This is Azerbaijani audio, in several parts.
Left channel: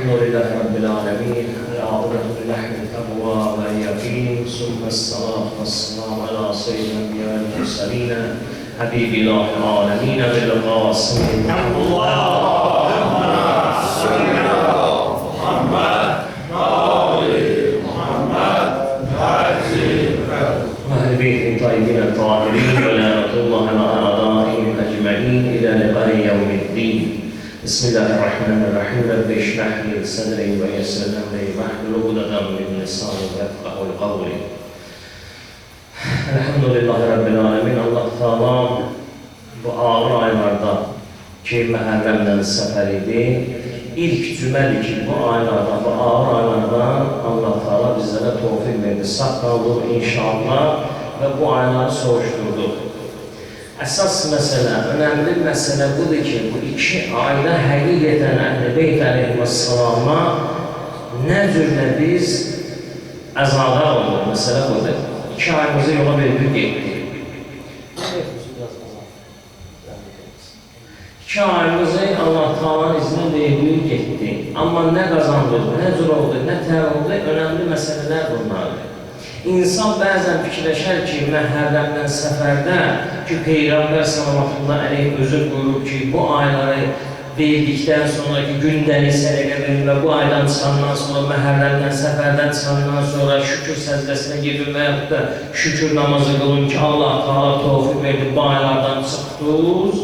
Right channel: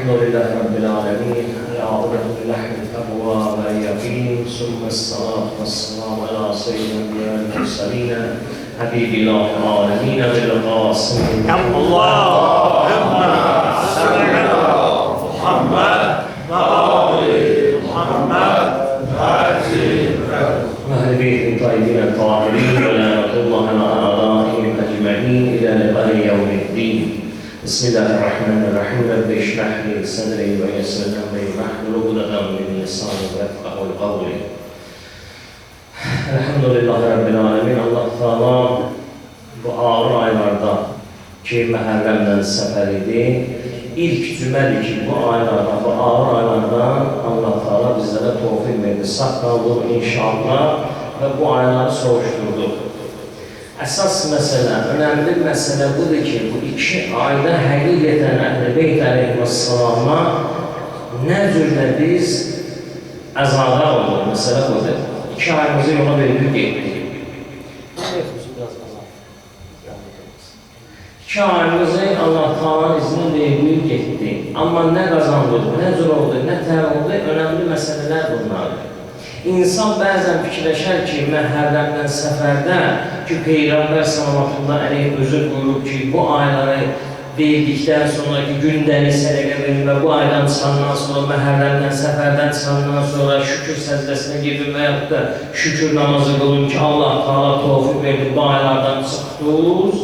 الحمد لله رب العالمين العاقبة للحم التقوى واليقين ثم الصلاة والسلام على سيد الأنبياء والمرسلين حبيب الله العالمين بالقاسم اللهم صل على محمد وآل محمد وأهل بيت الطيبين الطاهرين ولعنة الله على أعدائهم أجمعين إلى لقاء يوم الدين. بسم الله الرحمن الرحيم. رب اشرح لي صدري ويسر لي أمري واحلل عقدة من لساني يفقهوا قولي. Elhamdülillahi Rabbil Alemin. Allah Teala bu ağır aylarda ki Məhərrəmdən səfər idi. İlk cümədir ki bu aylarda, bu ağır aylarda Allah Teala bizlərə tövfiq verdi. Sağ qaldıq inşallah və bu ayları soruşdurduq. Əsas məsələ, önemli məsələ budur ki, bu iki ayda həqiqətən Əhl-i Beyt əleyhissalama nə cürlə biz əzada olduq, məsələ budur. İki ayımızı yola verdik, getdik. İki ayımızı Allah Teala'nın izni verdik, getdik. Amma nə qazandıq, nə cür oldu, nə tər oldu, önemli məsələlər bunlardır. İnsan bəzən fikirləşər ki, Məhərrəmdən səfərdə ki, Peyğəmbər sallallahu əleyhi özü buyurub ki, bu ayları verdikdən sonraki gündəlik sədəqə verin və bu aydan çıxandan sonra, Məhərrəmdən səfərdən çıxandan sonra şükür səcdəsinə girin və yaxud da şükür namazı qılın ki, Allah Teala tövfiq verdi, bu aylardan çıxdınız.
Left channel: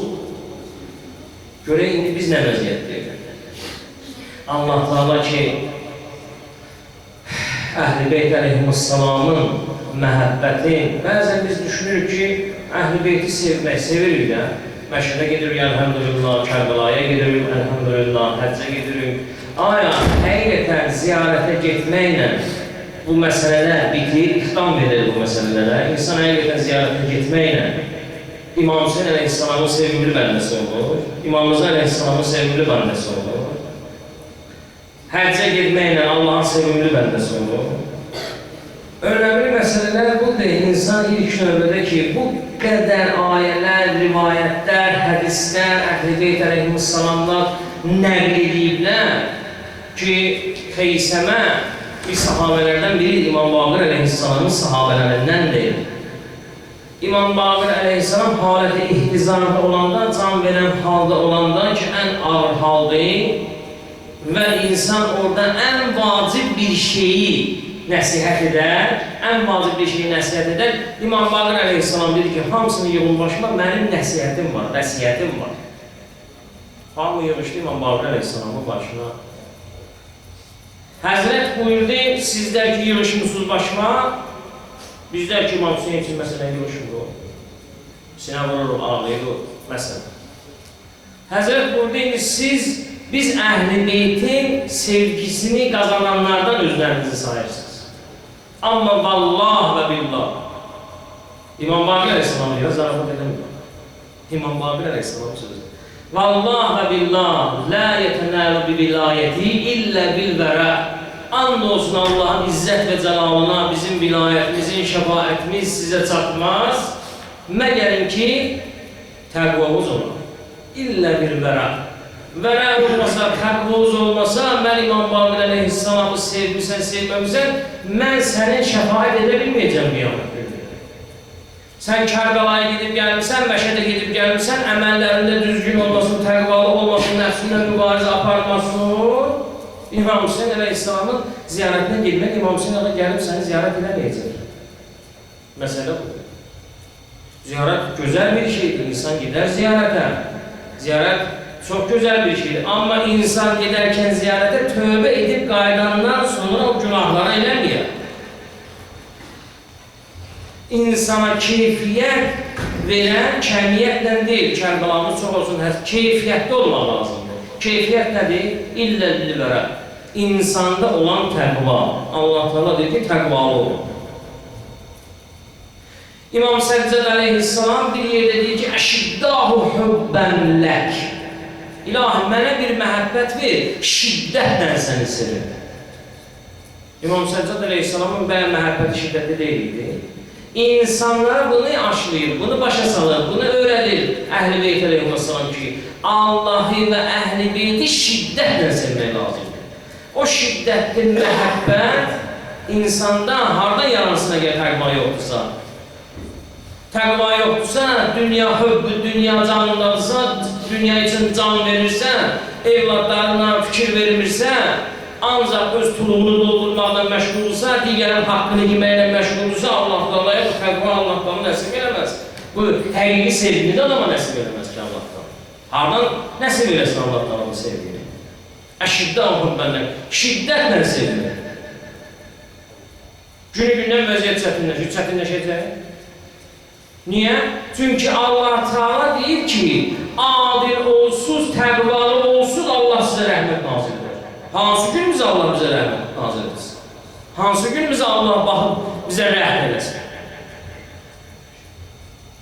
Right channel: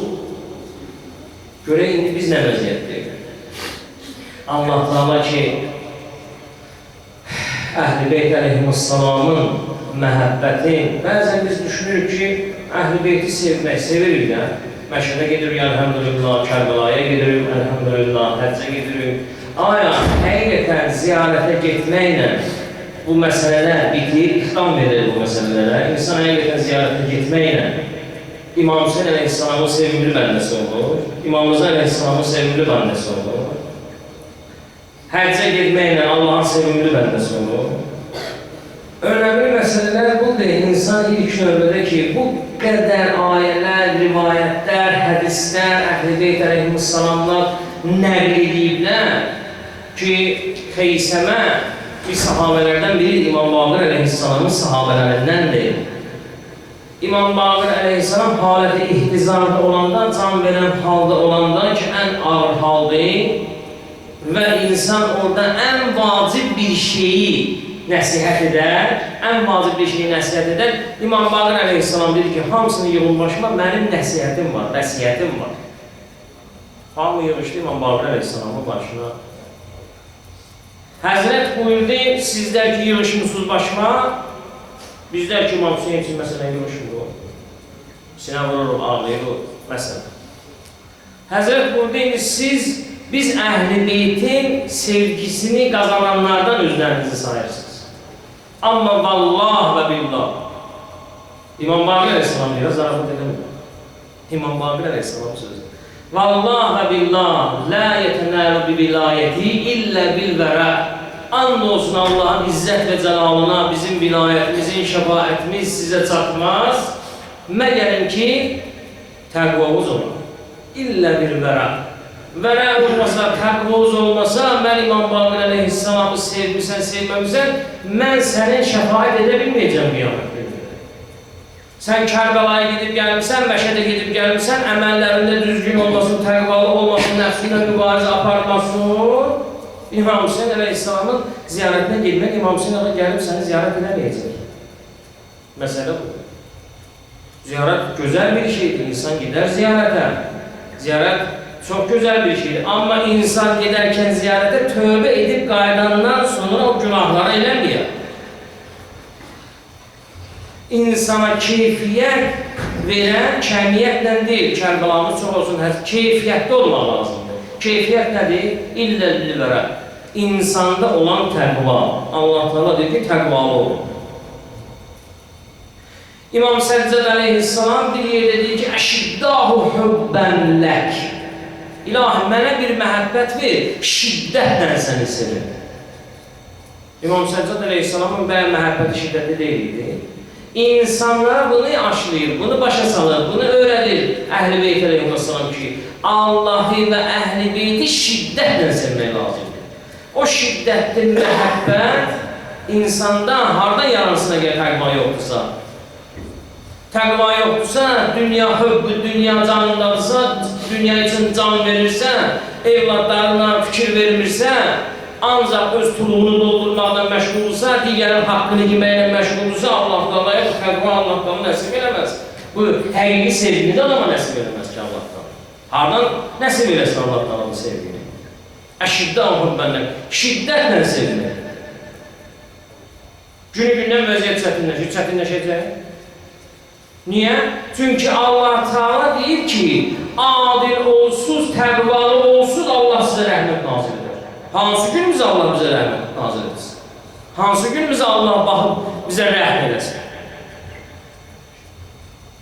Görək, indi biz nə vəziyyətdəyik? Allah Teala ki, Əhl-i Beyt əleyhissalamın məhəbbəti, bəzən biz düşünürük ki, Əhl-i Beyti sevmək, sevirik də. Məşədə gedirik, əlhəmdülillah, Kərbəlaya gedirik, əlhəmdülillah, həccə gedirik. Aya, həqiqətən ziyarətə getməklə bu məsələlər bitir, ixtam verir bu məsələlərə. İnsan həqiqətən ziyarətə getməklə İmam Hüseyin əleyhissalamın sevimli bəndəsi olur, İmam Rıza əleyhissalamın sevimli bəndəsi olur. Həccə getməklə Allahın sevimli bəndəsi olur. Önəmli məsələlər budur. İnsan ilk növbədə ki, bu qədər ayələr, rivayətlər, hədislər, Əhl-i Beyt əleyhissalamlar nəql ediblər ki, Xeysəmə bir sahabələrdən biri İmam Baqir əleyhissalamın sahabələrindəndir. İmam Baqir əleyhissalam haləti ihtizarda olanda, can verən halda olanda ki, ən ağır haldır və insan orada ən vacib bir şeyi nəsihət edər, ən vacib bir şeyi nəsihət edər. İmam Baqir əleyhissalam dedi ki, hamısını yığın başıma, mənim nəsihətim var, vəsiyyətim var. Hamı yığışdı İmam Baqir əleyhissalamın başına. Həzrət buyurdu, sizlər ki, yığışmışsınız başıma, bizlər ki, İmam Hüseyin üçün məsələn yığışmıyor. Sinə vururuq, ağlayırıq, məsələn. Həzrət buyurdu, biz Əhl-i Beytin sevgisini qazananlardan özlərinizi sayırsınız. Amma vallah və billah. İmam Baqir əleyhissalam deyir, zarafat edəmir. İmam Baqir əleyhissalam sözü. Vallah və billah, la yetənəlu bi vilayəti illə bilvərə. And olsun Allah'ın izzət və cəlalına, bizim vilayətimizin şəfaətimiz sizə çatmaz. Məgərin ki, təqvavuz olur. İllə bilvərə. Vərə olmasa, təqvoz olmasa, mən İmam Baqir əleyhissalamı sevmirsən, sevməmirsən, mən sənin şəfaət edə bilməyəcəm qiyamət günündə. Sən Kərbəlaya gedib gəlmirsən, Məşədə gedib gəlmirsən, əməllərində düzgün olmasın, təqvalı olmasın, nəfsiylə mübarizə aparmasın. İmam Hüseyin əleyhissalamın ziyarətinə gedmək, İmam Hüseyin ağa gəlib səni ziyarət edəməyəcək. Məsələ bu. Ziyarət gözəl bir şeydir, insan gedər ziyarətə. Ziyarət çox gözəl bir şeydir. Amma insan gedərkən ziyarətə tövbə edib qaydandan sonra o günahları eləməyər. İnsana keyfiyyət verən kəmiyyətlə deyil, Kərbəlamız çox olsun, keyfiyyətdə olmaq lazımdır. Keyfiyyət nədir? İlləllilərə. İnsanda olan təqva. Allah Teala deyir ki, təqvalı olur. İmam Səccəd əleyhissalam bir yerdə deyir ki, əşiddahu hübbən lək. İlahi, mənə bir məhəbbət ver, şiddətlə səni sevir. İmam Səccəd əleyhissalamın bəyə məhəbbəti şiddətli deyildi. İnsanlara bunu aşlayır, bunu başa salır, bunu öyrədir Əhl-i Beyt əleyhissalam ki, Allahı və Əhl-i Beyti şiddətlə sevmək lazımdır. O şiddətli məhəbbət insanda hardan yaransına gəlir təqva yoxdursa? Təqva yoxdursa, dünya hübbü, dünya canındadırsa, dünya üçün can verirsə, evladlarına fikir vermirsə, ancaq öz tulumunu doldurmaqla məşğulsa, digərin haqqını yeməklə məşğulsa, Allah-Teala'ya bu təqva Allah-Teala nəsib eləməz. Bu həqiqi sevgini də adama nəsib eləməz ki, Allah-Teala. Hardan nəsib eləsin Allah-Teala'nın sevgini? Əşiddən məndən, şiddətlə sevmək. Günü-gündən vəziyyət çətinləşəcək. Niyə? Çünki Allah-Teala deyir ki, adil olsuz, təqvalı olsuz Allah sizə rəhmət nazil edir. Hansı gün bizə Allah bizə rəhmət nazil etsin? Hansı gün bizə Allah baxıb bizə rəhm eləsin?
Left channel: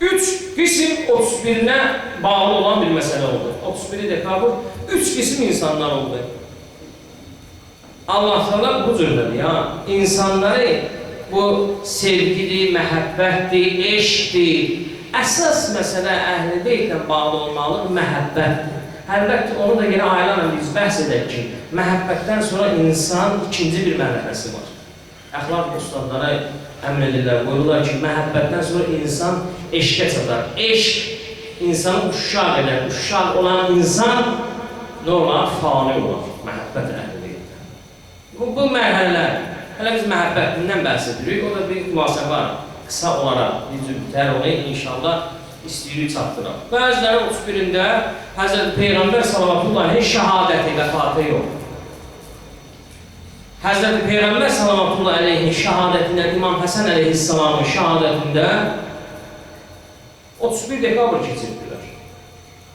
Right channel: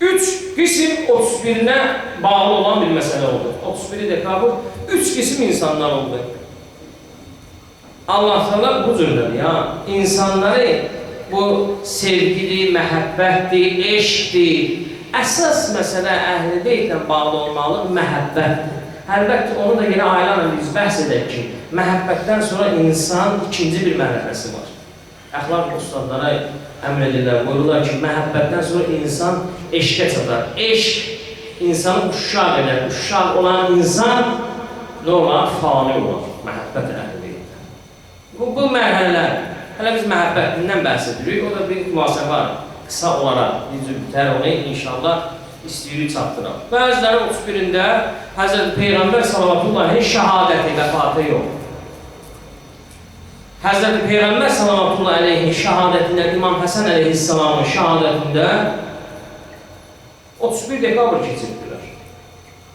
3 qism 31-nə bağlı olan bir məsələ oldu. 31-i dekabr 3 qism insanlar oldu. Allah-Teala bu cürdədir ya. İnsanları bu sevgidir, məhəbbətdir, eşqdir. Əsas məsələ əhl-i beytlə bağlı olmalı məhəbbətdir. Əlbəttə, onu da yenə aylarla biz bəhs edək ki, məhəbbətdən sonra insan ikinci bir mərhələsi var. Əxlaq ustadlara əmr edirlər, buyururlar ki, məhəbbətdən sonra insan eşqə çatar. Eşq insanı uşaq edər. Uşaq olan insan nə olar? Fani olar. Məhəbbət əhl-i beytdən. Bu mərhələlər. Hələ biz məhəbbətindən bəhs edirik, o da bir müasibə var. Qısa olaraq, bitər onu inşallah istəyirik çatdıraq. Bəziləri 31-də Həzrəti Peyğəmbər sallallahu şəhadəti, vəfatı yox. Həzrəti Peyğəmbər sallallahu aleyhi şəhadətində, İmam Həsən əleyhissalamın şəhadətində 31 dekabr keçirdilər.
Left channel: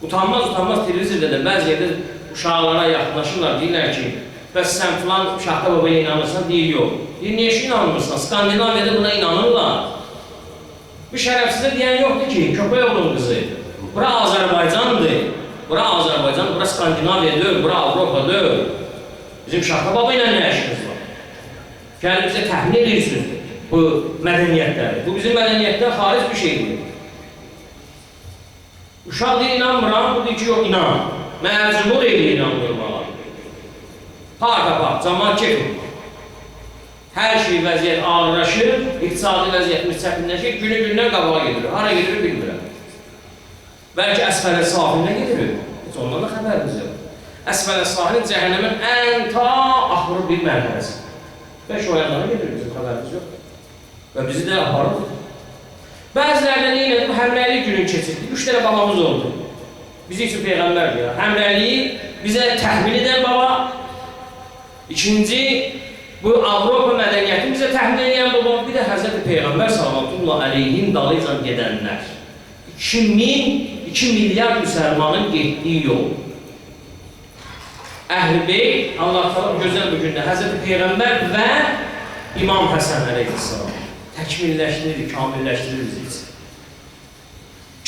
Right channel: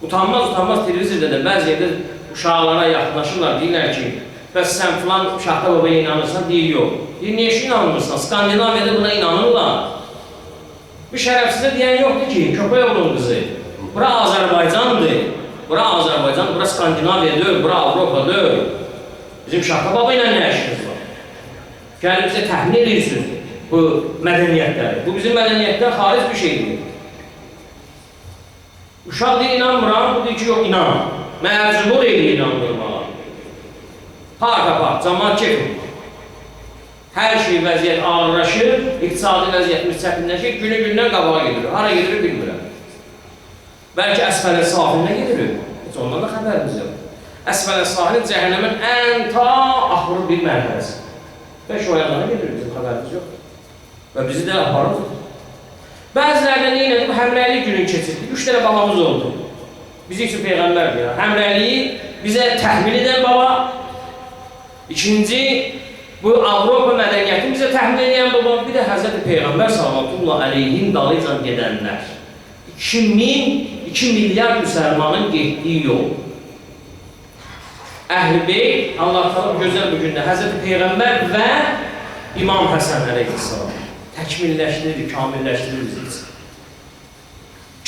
Utanmaz televizorda da bəzi yerdə uşaqlara yaxınlaşırlar, deyirlər ki, bəs sən filan Şahta babaya inanırsan, deyir yox. Deyir, niyə ki inanmırsan? Skandinaviyada buna inanırlar. Bir şərəfsizə deyən yoxdur ki, köpək oğlun qızı. Bura Azərbaycandır. Bura Azərbaycan, bura Skandinaviya deyil, bura Avropa deyil. Bizim Şahta baba ilə nə işimiz var? Gəlib bizə təxmin edirsiniz bu mədəniyyətləri. Bu bizim mədəniyyətdən xaric bir şeydir. Uşaq deyir, inanmıram, bu deyir ki, yox, inan. Məcbur edir inanmırmağa. Part, cəmaat çəkin. Hər şey vəziyyət ağırlaşır, iqtisadi vəziyyətimiz çətinləşir, günü-gündən qabağa gedir. Hara gedir, bilmirəm. Bəlkə əsfələ sahilinə gedir. Heç ondan da xəbərimiz yox. Əsfələ sahilin cəhənnəmin ən ta axırı bir mərhələsi. 5 oyanlara gedir, bizim xəbərimiz yox. Və bizi də aparır. Bəzilərdə neynədir? Həmrəylik günü keçirdik. 3 dənə babamız oldu. Bizi üçün Peyğəmbərdir ya. Həmrəliyi bizə təhvil edən baba. İkinci, bu Avropa mədəniyyətini bizə təhvil edən baba. Bir də Həzrəti Peyğəmbər sallallahu aleyhin dalıcan gedənlər. 2 milyar müsəlmanın getdiyi yol. Əhl-i Beyt, Allah-Teala gözəl bu gündə Həzrəti Peyğəmbər və İmam Həsən əleyhissalam təkmilləşdirir, kamilləşdirir bizi için.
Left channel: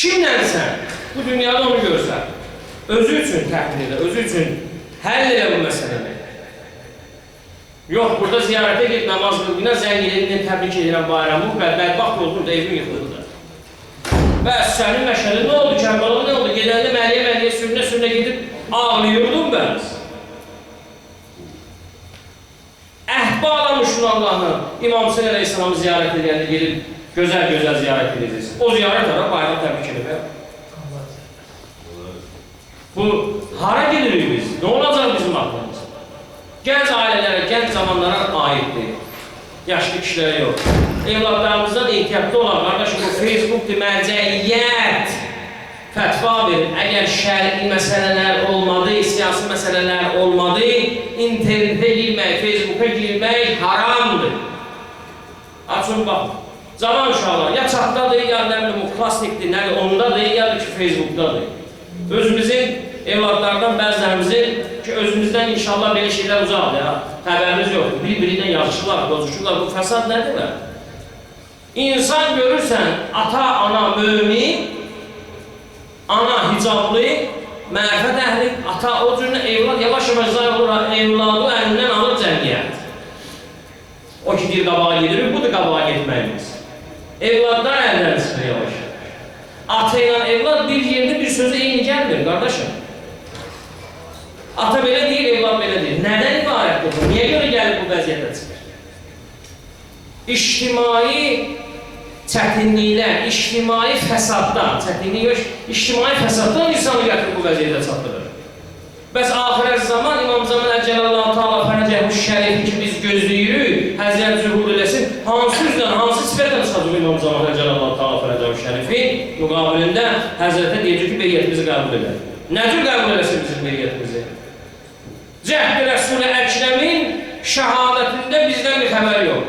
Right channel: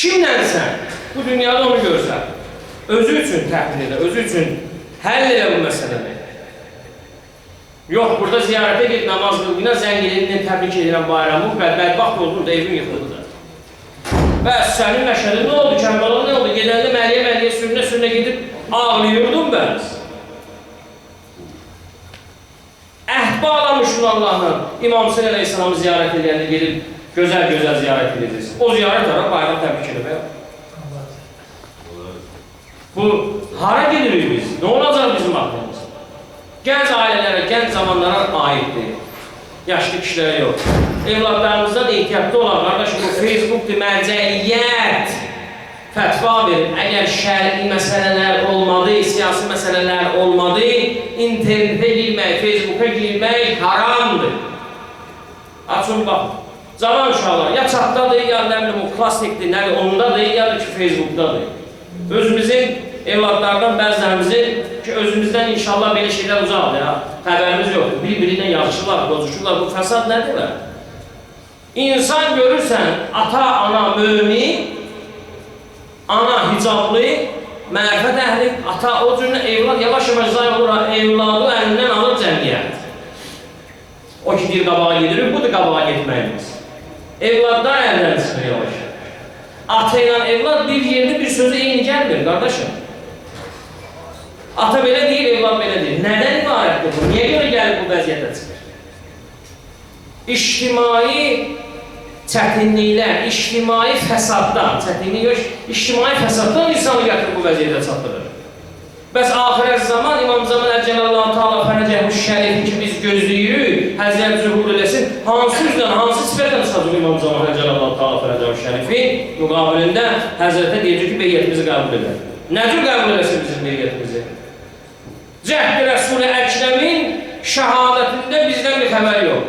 Kimlənsən? Bu dünyada onu görsən. Özü üçün təhvil edə, özü üçün həll elə bu məsələni. Yox, burada ziyarətə ged, namaz qılqına, zəngilinin təbrik edirəm bayramı, bədbaxt oldu, da evin yıxıldı da. Bəs sənin məşəli nə oldu, Kərbala nə oldu? Gedəndə Məliyə sürünə gedib ağlayırdın bəs. Əhd bağlamışsın Allah'ın, İmam Hüseyin əleyhissalamı ziyarət edəndə gelib gözəl ziyarət edəcəksin. O ziyarət ara bayram təbrik edib. Bu, hara gedirik biz? Nə olacaq bizim aklımız? Gənc ailələrə, gənc zamanlara aiddir. Yaşlı kişilərə yox. Evladlarımızdan ehtiyatlı olan, qardaşım, bu Facebook'dur, mərcəiyyət fətva verir. Əgər şəri məsələlər olmadı, siyasi məsələlər olmadı, internetə girmək, Facebook'a girmək haramdır. Açın, bax, cavan uşaqlar, ya çatdadır, ya nə bilim, o plastikdir, nədir, ondadır, ya da ki, Facebook'dadır. Özümüzün, evladlardan bəzilərimizin ki, özümüzdən inşallah belə şeylər uzaqdır ya, xəbərimiz yoxdur. Bir-birinə yazışırlar, bozuşurlar, bu fəsad nədir bə? İnsan görürsən, ata, ana, mömin, ana hicablı, mərifət əhli, ata o cürünə evlad yavaş-yavaş zay olur, evladı əlindən alır cəmiyyət. O ki, bir qabağa gedirik, budur qabağa getməyimiz. Evladlar əldən çıxır yavaş. Ata ilə evlad bir yerdə bir sözü eyni gəlmir, qardaşım. Ata belə deyir, evlad belə deyir. Nədən ibarətdir bu? Niyə görə gəlib bu vəziyyətə çıxır? İctimai çətinliklər, ictimai fəsaddan, çətinlik yox, ictimai fəsaddan insanı gətirib bu vəziyyətə çatdırır. Bəs axirət zaman İmam Zaman Əcəlallahu Teala Fərəcəhu Şərifi ki biz gözləyirik, Həzrət zühur eləsin, hansı üzlə, hansı sifətlə çıxacaq İmam Zaman Əcəlallahu Teala Fərəcəhu Şərifi müqabilində Həzrətə deyəcək ki, beyyətimizi qəbul edər. Nədir qəbul eləsin bizim beyyətimizi? Cəhd-i Rəsul-i Əkrəmin şəhadətində bizdən bir xəbər yox.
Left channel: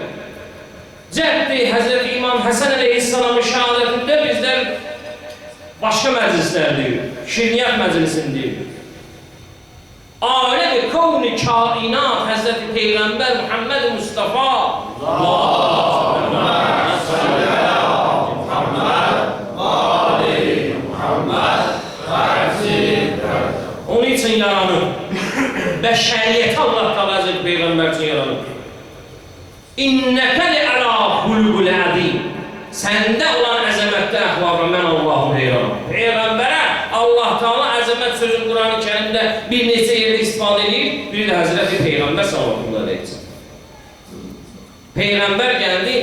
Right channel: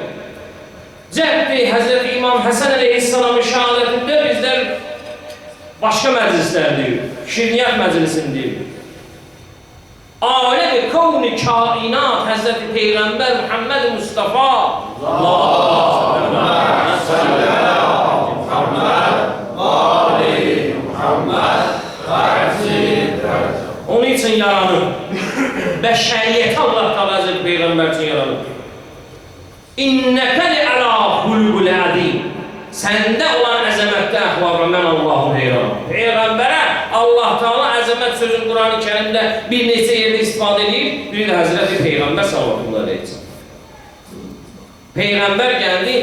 Cəhd-i Həzrət İmam Həsən əleyhissalamın şəhadətində bizdən başqa məclislərdir, şirniyyət məclisindir. Alem-i kavn-i kainat Həzreti Peyğəmbər Muhammed Mustafa onun için yaranır. Bəşəriyyəti Allah Teala Həzreti Peyğəmbər üçün yaranır. İnnəkə li-əla xulqul ədim. Səndə olan əzəmətdə əxlaqa mən Allah'ın heyranım. Peyğəmbərə Allah Teala əzəmət sözün Quran-ı Kərimdə bir neçə yerdə istifadə edir, biri də Həzreti Peyğəmbər sallallahu əleyhi və səlləm. Peyğəmbər gəldi,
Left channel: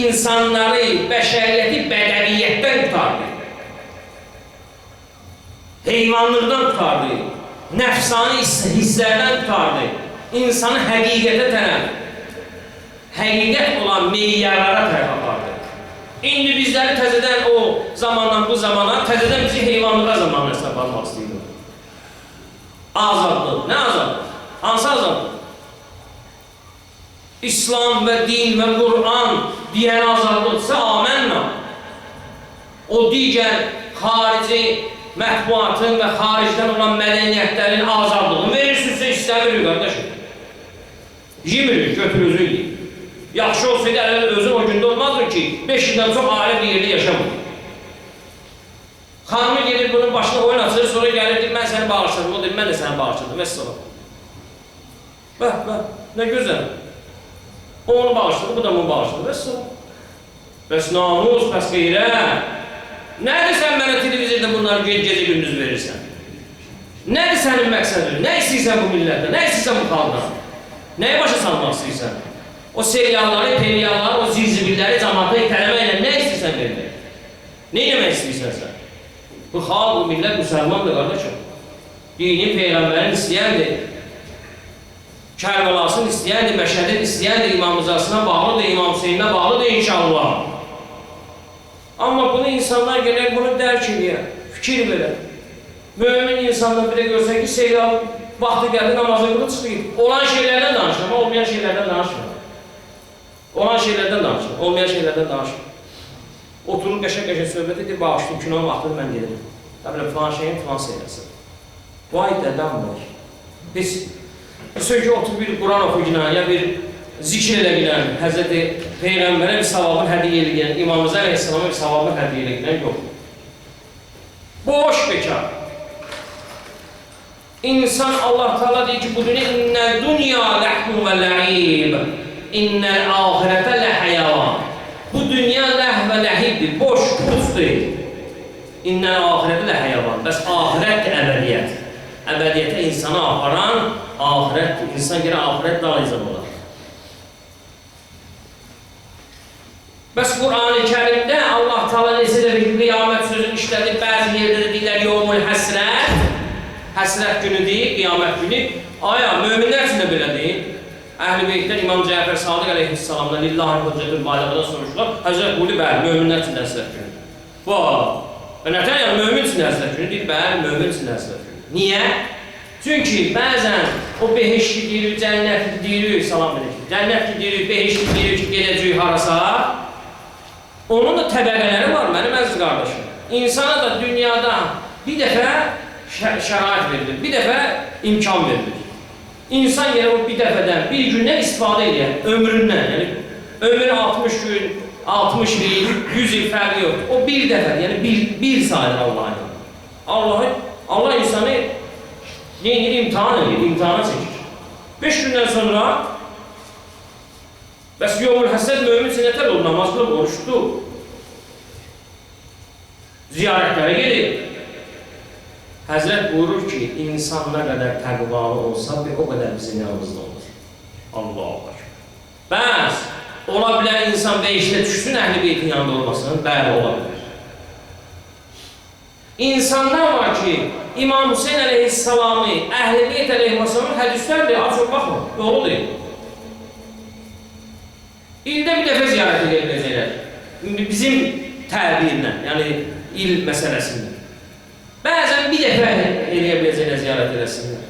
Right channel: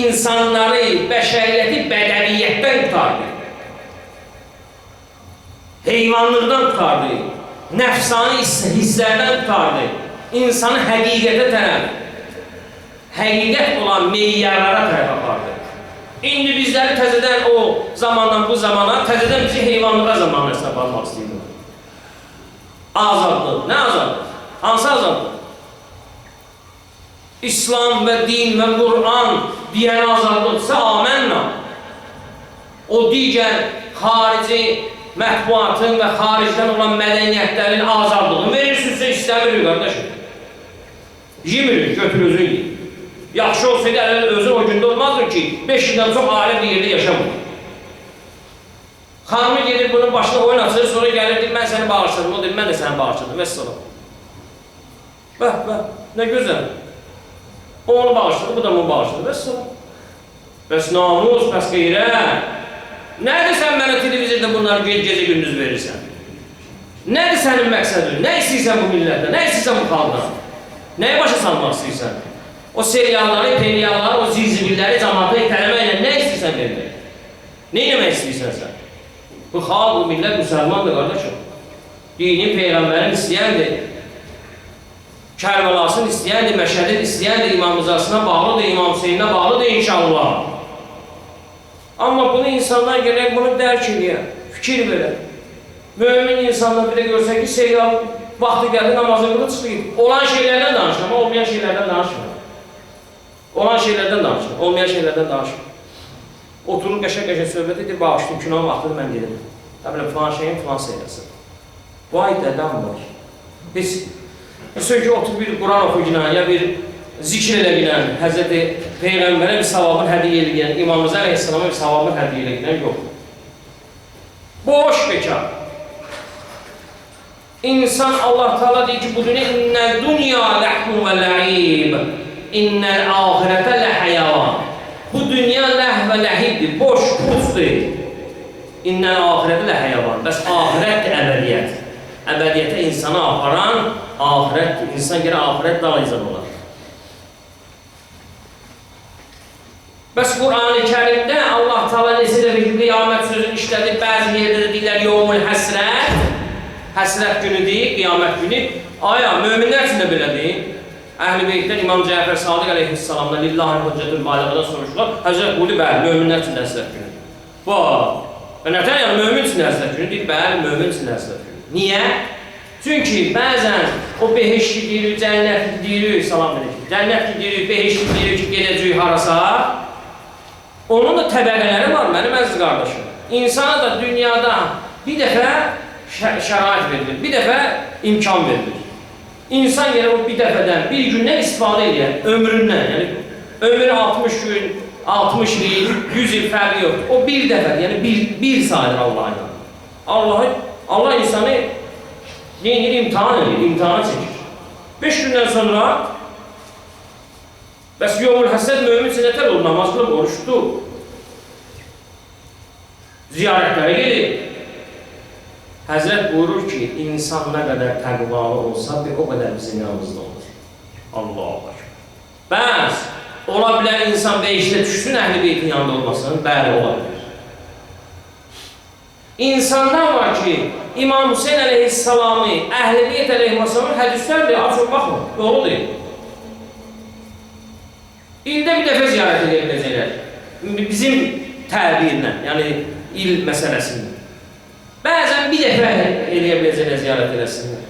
insanları, bəşəriyyəti bədəviyyətdən tutardı. Heyvanlıqdan tutardı. Nəfsani hisslərdən tutardı. İnsanı həqiqətə tərəf, həqiqət olan meyyarlara tərəf apardı. İndi bizləri təzədən o zamandan bu zamana, təzədən bizi heyvanlığa zamanına aparmaq istəyirlər. Azadlıq. Nə azadlıq? Hansı azadlıq? İslam və din və Qur'an deyən azadlıqsa amənna. O digər xarici mətbuatın və xaricdən olan mədəniyyətlərin azadlığını verirsinizsə istəmirik, qardaşım. Yemirik, götür özün yiyin. Yaxşı olsaydı özün o gündə olmazdır ki, 5 ildən çox ailə bir yerdə yaşamır. Xanımı gedir bunun başına oyun açır, sonra gəlir, mən səni bağışladım, o deyir, mən də səni bağışladım, vəssalam. Bəh, nə gözəl. O onu bağışladı, bu da onu bağışladı, vəssalam. Bəs namus, bəs qeyrət. Nədir sən mənə televizorda bunları gecə gündüz verirsən? Nədir sənin məqsədin? Nə istəyirsən bu millətdə? Nə istəyirsən bu xalqdan? Nəyə başa salmaq istəyirsən? O serialları, perialları, o zirzibilləri, cəmaata itələməklə nə istəyirsən vermək? Nə eləmək istəyirsən sən? Bu xalq, bu millət müsəlmandır, qardaşım. Dini, Peyğəmbərin istəyəndir. Kərbəlasını istəyəndir, Məşədin istəyəndir, İmam Rızasına bağlıdır, İmam Hüseyninə bağlıdır inşallah. Amma bunu insanlar gələk bunu dərk edir, fikir verər. Mömin insanlar bir də görsən ki, serial vaxtı gəldi, namazın qılı çıxdı. Olan şeylərdən danışır, amma olmayan şeylərdən danışmır. Olan şeylərdən danışır, olmayan şeylərdən danışır. Oturur qəşək-qəşək söhbət edir, bağışlayın, günahın vaxtını mən gedirəm. Təbiləm, filan şeyin filan seyirəsin. Vay dədəm var. Biz ki, otur bir Quran oxuyulan, ya bir zikr eləgilən, Həzreti Peyğəmbərə bir savabın hədiyyə eləyən, İmam-ı Əleyhisselama bir savabın hədiyyə eləyən yox. Boş bekar. İnsan Allah Teala deyir ki, bu dünya innəl dünya ləhmun və ləhib, innəl ahirətə ləhəyavan. Bu dünya ləh və ləhibdir, boş, pulsdur. İnnəl ahirətə ləhəyavan. Bəs ahirətdir əbədiyyət. Əbədiyyətə insanı aparan ahirətdir. İnsan gələ ahirət dalayıcan olar. Bəs Qur'an-ı Kərimdə Allah Teala necə də bir qiyamət sözünü işlədi, bəzi yerdə də deyirlər yevmul həsrət, həsrət günüdür, qiyamət günü. Aya, möminlər üçün də belədir. Əhl-i Beytdən İmam Cəfər Sadiq əleyhissalamdan lillahi hüccətül baligədən soruşdular. Həzrət buyurdu, bəli, möminlər üçün də həsrət günüdür. Və nətər yəni mömin üçün də həsrət günüdür? Bəli, mömin üçün də həsrət günüdür. Niyə? Çünki bəzən o beheşki deyirik, cənnətli deyirik, salam edək. Cənnətli deyirik, beheşki deyirik ki, gedəcək harasa. Onun da təbəqələri var, mənim əziz qardaşım. İnsana da dünyada bir dəfə şərait verilir, bir dəfə imkan verilir. İnsan yenə o bir dəfədən, bir gündən istifadə edir, ömründən. Yəni, ömrü 60 gün, 60 il, 100 il fərqi yoxdur. O bir dəfədir, yəni bir sayıdır Allah'a. Allah insanı neyini imtihan edir, imtihana çəkir. 5 gündən sonra bəs yevmul həsəd mömin üçün nətər olur, namaz qılıb, oruçdu. Ziyarətlərə gedir. Həzrət buyurur ki, insan nə qədər təqvalı olsa, o qədər bizim yanımızda olur. Allahu Ekber. Bəs, ola bilər insan beşdə düşsün Əhl-i Beytin yanında olmasın? Bəli, ola bilər. İnsanlar var ki, İmam Hüseyin əleyhissalamı, Əhl-i Beyt əleyhissalamı hədislərdir, açıq baxmır, yolu deyil. İldə bir dəfə ziyarət edə biləcəklər. Bizim təbirlə, yəni il məsələsində. Bəzən bir dəfə eləyə biləcəklər ziyarət eləsinlər.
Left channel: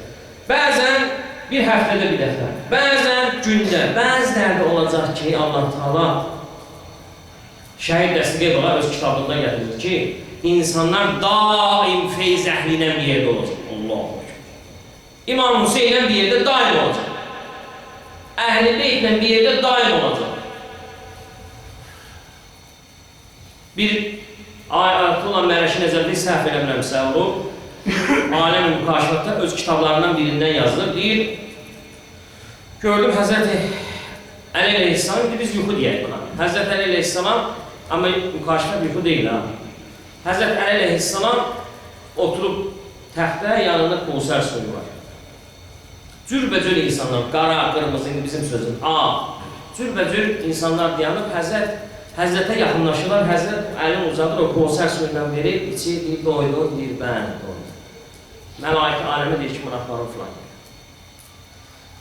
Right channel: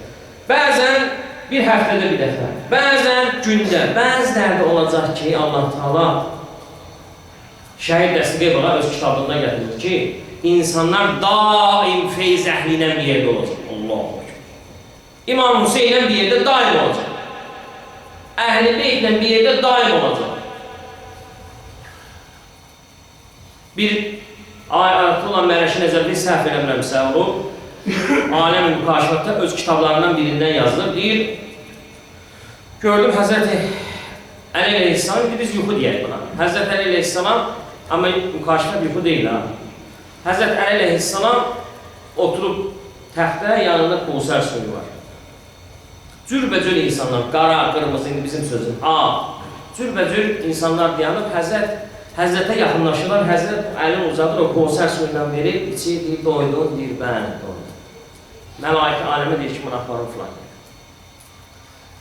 Bəzən bir həftədə bir dəfə, bəzən gündə, bəzilərdə olacaq ki, Allah Teala Şəhid Dəsti Qeybulla öz kitabında gətirir ki, insanlar daim feyz əhlinə bir yerdə olacaq. Allahu Ekber. İmam Hüseynlə bir yerdə daim olacaq. Əhl-i Beytlə bir yerdə daim olacaq. Bir Ayətullah Mərəşi Nəzəri səhv eləmirəmsə olub, Aləm-i Mükaşifətdə öz kitablarından birindən yazılır. Deyir, gördüm Həzrəti Əli əleyhissalam, biz yuxu deyək buna. Həzrəti Əli əleyhissalam, amma Mükaşifət yuxu deyil ha. Həzrəti Əli əleyhissalam oturub təxtə, yanında Qusər suyu var. Cürbəcür insanlar, qara, qırmızı, indi bizim sözün, cürbəcür insanlar dayanıb, Həzrətə yaxınlaşırlar, Həzrət əlini uzadır, o Qusər suyundan verir, içir, deyir, doydun, deyir, bəli, doydun. Məlaikə aləmə deyir ki, mınaqlarım filan gəlir.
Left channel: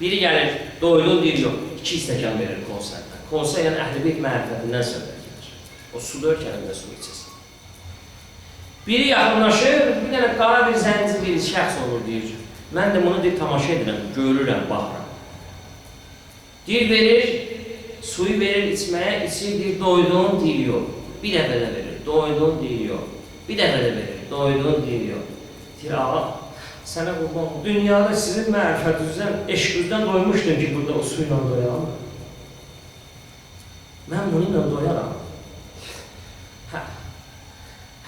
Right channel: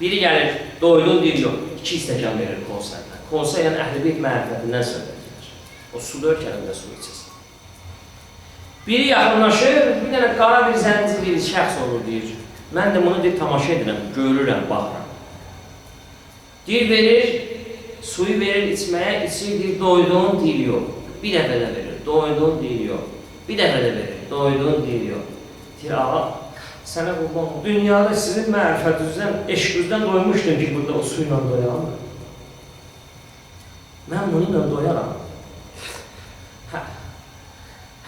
Biri gəlir, doydun, deyir, yox, 2 stəkan verir Qusərdən. Qusər yəni Əhl-i Beyt məhəbbətindən söhbət gedir. O suda ölkələrində su içəsin. Biri yaxınlaşır, bir dənə qara bir zənci bir şəxs olur, deyir. Mən də bunu deyir, tamaşa edirəm, görürəm, baxıram. Deyir, verir, suyu verir içməyə, içir, deyir, doydun, deyir, yox. Bir dəfə də verir, doydun, deyir, yox. Bir dəfə də verir, doydun, deyir, yox. Deyir, ağa, sənə qurban, dünyada sizin mərifətinizdən, eşqinizdən doymuşdum ki, burada o suyla doyalım. Mən bununla doyaram.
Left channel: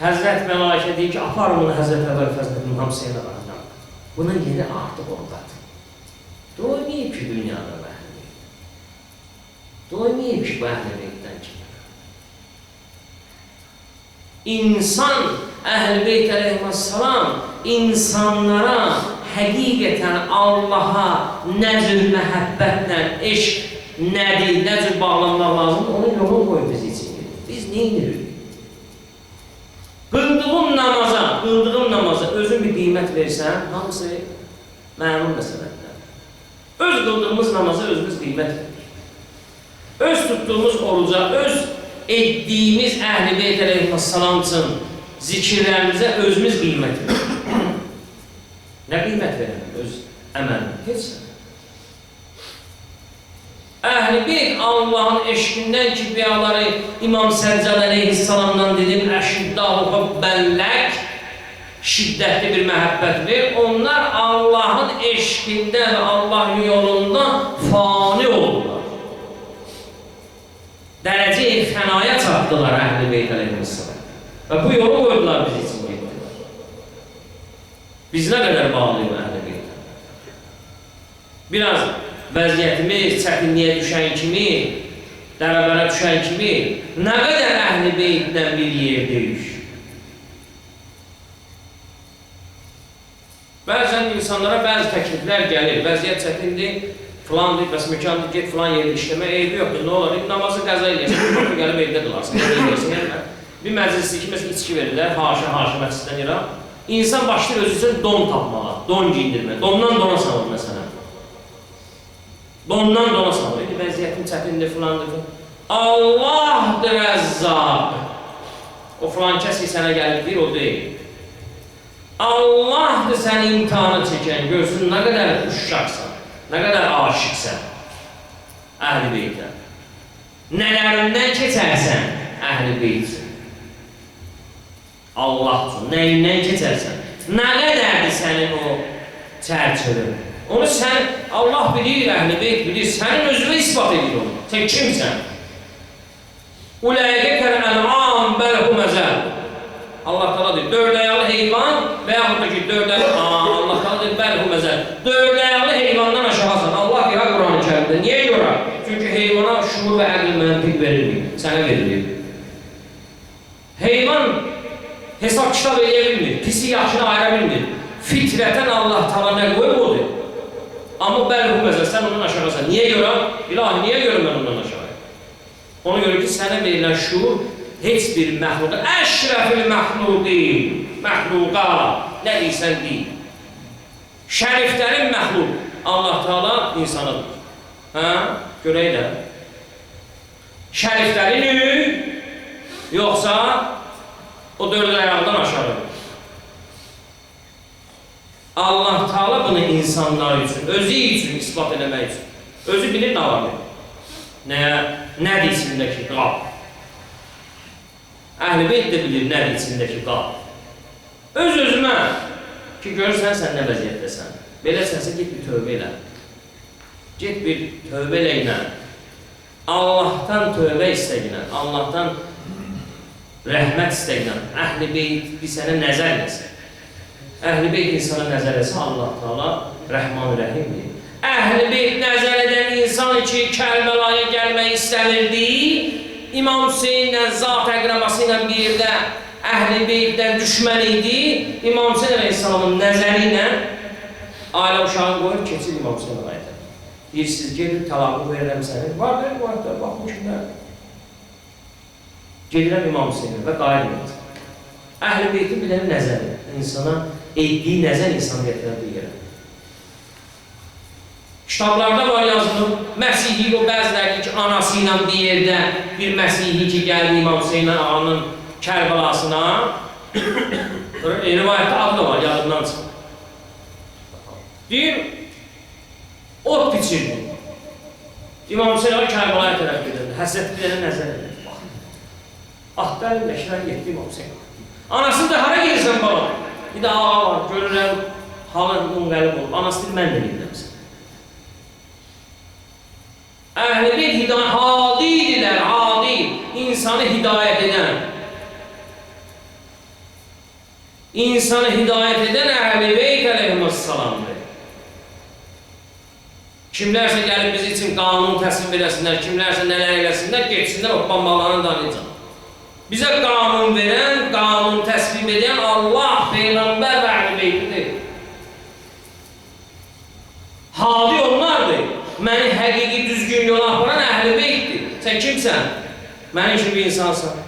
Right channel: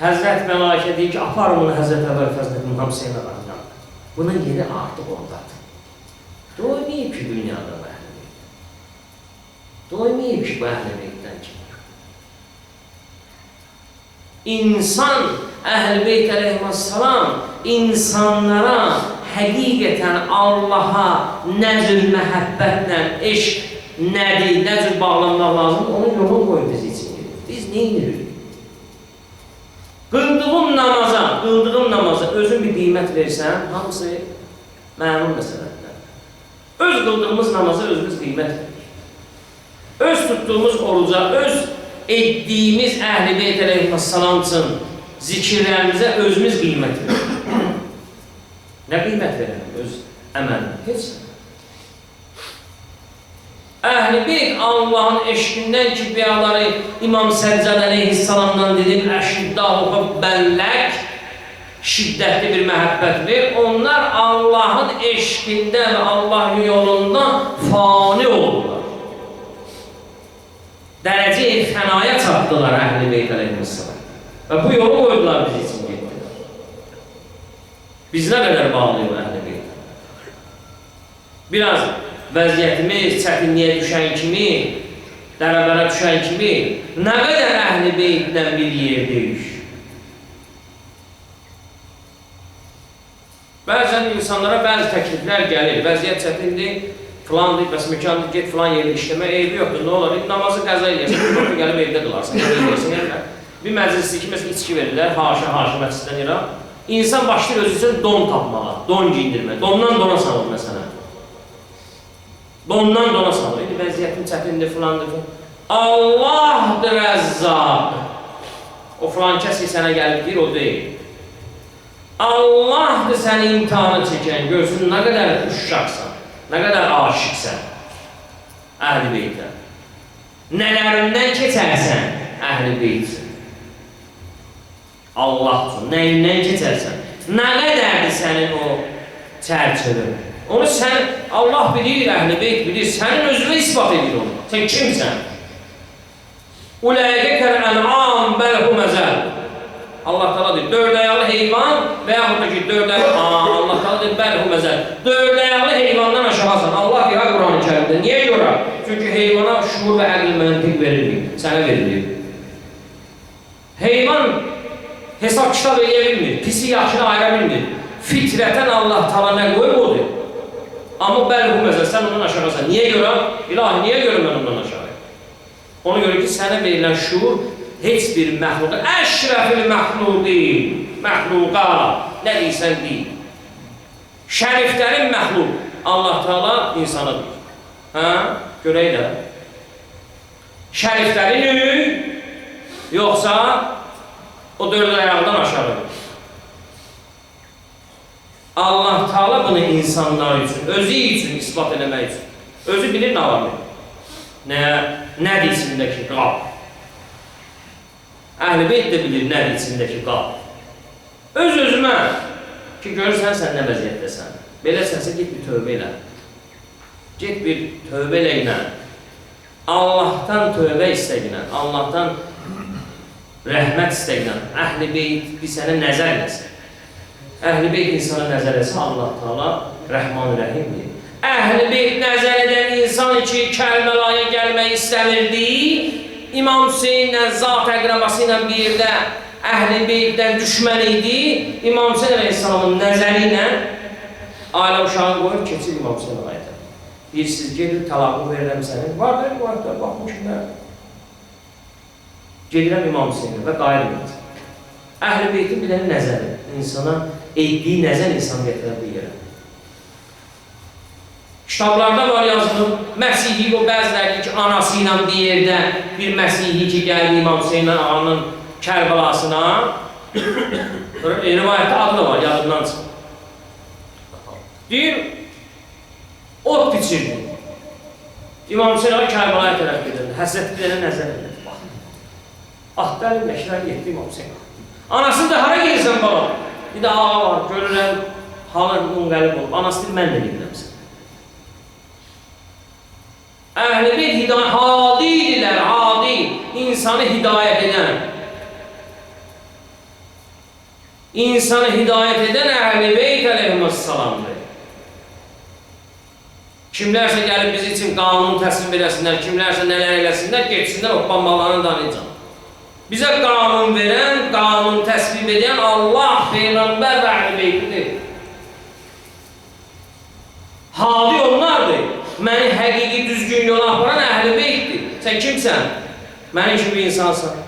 Həzrət Məlaikə deyir ki, apar bunu Həzrət Əbəl Fəzlətin Hamseyinə baxacaq. Bunun yeri artıq ondadır. Doymayıb ki, dünyada bu Əhl-i Beytdən. Doymayıb ki, bu Əhl-i Beytdən ki. İnsan, Əhl-i Beyt əleyhissalam, insanlara həqiqətən Allaha nə cür məhəbbətlə, eşq nədir, nə cür bağlanmaq lazımdır, onun yolunu qoyub biz için. Biz neyinirik? Qıldığım namaza özün bir qiymət versən, hamısı məlum məsələdir. Öz qıldığımız namaza özümüz qiymət verir. Öz tutduğumuz oruca, öz etdiyimiz Əhl-i Beyt əleyhissalam üçün zikirlərimizə özümüz qiymət verir. Nə qiymət verir öz əməlim? Heç nə. Əhl-i Beyt Allahın eşqindən ki, bəyaları İmam Səccad əleyhissalamdan dedim, əşiddalıqı bəllək, şiddətli bir məhəbbətdir. Onlar Allahın eşqində və Allahın yolunda fani oldular. Dərəcə-i fənaya çatdılar Əhl-i Beyt əleyhissalam. Və bu yolu qoydular biz için getdilər. Biz nə qədər bağlıyıq Əhl-i Beytə? Biraz vəziyyətimiz çətinliyə düşən kimi, dərəbərə düşən kimi, nə qədər Əhl-i Beytdən bir yerdəyik? Bəzən insanlara bəzi təkliflər gəlir, vəziyyət çətindir, filandır, bəs mükandır, get filan yerdə işləmə, eybi yoxdur, nə olar? Namazı qəza eləyəsən, bir gəlib evdə qılarsan, bir məclisdə ki, məsələn, içki verirlər, haşa məsciddən yera, insan başlayır özü üçün don tapmağa, don giyindirmə, dondan dona salır məsələn. Dondan dona salır, vəziyyətin çətindir, filandır. Allahdır Əzzaq. O filan kəs ki, sənə gəlib deyir, o deyil. Allahdır səni imtihanı çəkən, görsün, nə qədər uşaqsan, nə qədər aşıqsən Əhl-i Beytə. Nələrindən keçərsən Əhl-i Beyt. Allah üçün, nəyindən keçərsən, nə qədərdir sənin o çərçövün. Onu sən, Allah bilir, Əhl-i Beyt bilir, sənin özünü ispat edir onu. Sən kimsən? Uləqə kər-ən'am bəlhu məzəl. Allah Teala deyir, 4 ayaqlı heyvan və yaxud da ki, 4 ayaqlı, Allah Teala deyir, bəlhu məzəl. 4 ayaqlı heyvandan aşağısan. Allah deyir, Quran-ı Kərimdə. Niyə görə? Çünki heyvana şuur və əql məntiq verilir, sənə verilir. Heyvan hesab kitab eləyə bilmir, pisi yaxşını ayıra bilmir. Fitrətən Allah Teala nə qoyub odur? Amma bəlhu məzəl, sən ondan aşağısan. Niyə görə? İlahi, niyə görə mən ondan aşağıyım? Ona görə ki, sənə verilən şuur heç bir məxluqa, əşrəfil məxluqa, nə deyirsən deyil. Şəriflərin məxluq, Allah Teala insanıdır. Görək də. Şəriflərin yoxsa o dörd ayağından aşağıdır. Allah Teala bunu insanlar üçün, özü üçün ispat eləmək üçün. Özü bilir nə var? Nədir içindəki qab? Əhl-i Beyt də bilir nədir içindəki qab. Öz-özümə ki, görürsən sən nə vəziyyətdəsən. Beləsinsə, get bir tövbə elə. Get bir tövbə elə. Allahdan tövbə istəyinə, Allahdan rəhmət istəyinə. Əhl-i Beyt bir sənə nəzər eləsin. Əhl-i Beyt insana nəzər eləsin, Allah Teala Rəhman-Rəhimdir. Əhl-i Beyt nəzər edən insan ki, Kərbəlaya gəlmək istəmirdi, İmam Hüseynlə, zat əqrabası ilə bir yerdə Əhl-i Beytdən düşmən idi, İmam Hüseyn Aleyhisselamın nəzəri ilə ailə uşağı qoyub, keçir İmam Hüseyn ayətə. Deyirsiniz, gedir, talaqı verirəm səni. Var, baxın kimlərdir. Gedirəm İmam Hüseynə və qayılmır. Əhl-i Beytin bir dənə nəzəri, insana etdiyi nəzər insan gətirə bir yerə. Kitablarda var yazılıb, Məsihi o bəziləri ki, anası ilə bir yerdə bir Məsihi ki, gəldi İmam Hüseyin ağanın Kərbəlasına, rivayətdə adı da var, yadından çıxır. Deyir, ot biçirdi. İmam Hüseyin ağa Kərbəlaya tərəf gedirdi, həsrət bir dənə nəzər edirdi. Ahbərin məşrər getdi İmam Hüseyin ağa. Anasını da hara gelirsən baba? Bir də ağa var, görürəm, halın qəlib olub. Anası deyir, mən də gedirəm sən. Əhl-i Beyt hadidirlər, hadi, insanı hidayət edən. İnsanı hidayət edən Əhl-i Beyt əleyhissalamdır. Kimlərsə gəlib biz üçün qanun təsvib eləsinlər, kimlərsə nələr eləsinlər, geçsinlər, o bambalarını danıyacaq. Bizə qanun verən, qanun təsvib edən Allah, Peyğəmbər və Əhl-i Beytidir. Hadi onlardır. Məni həqiqi düzgün yola aparan Əhl-i Beytdir. Sən kimsən? Mənim kimi bir insansan.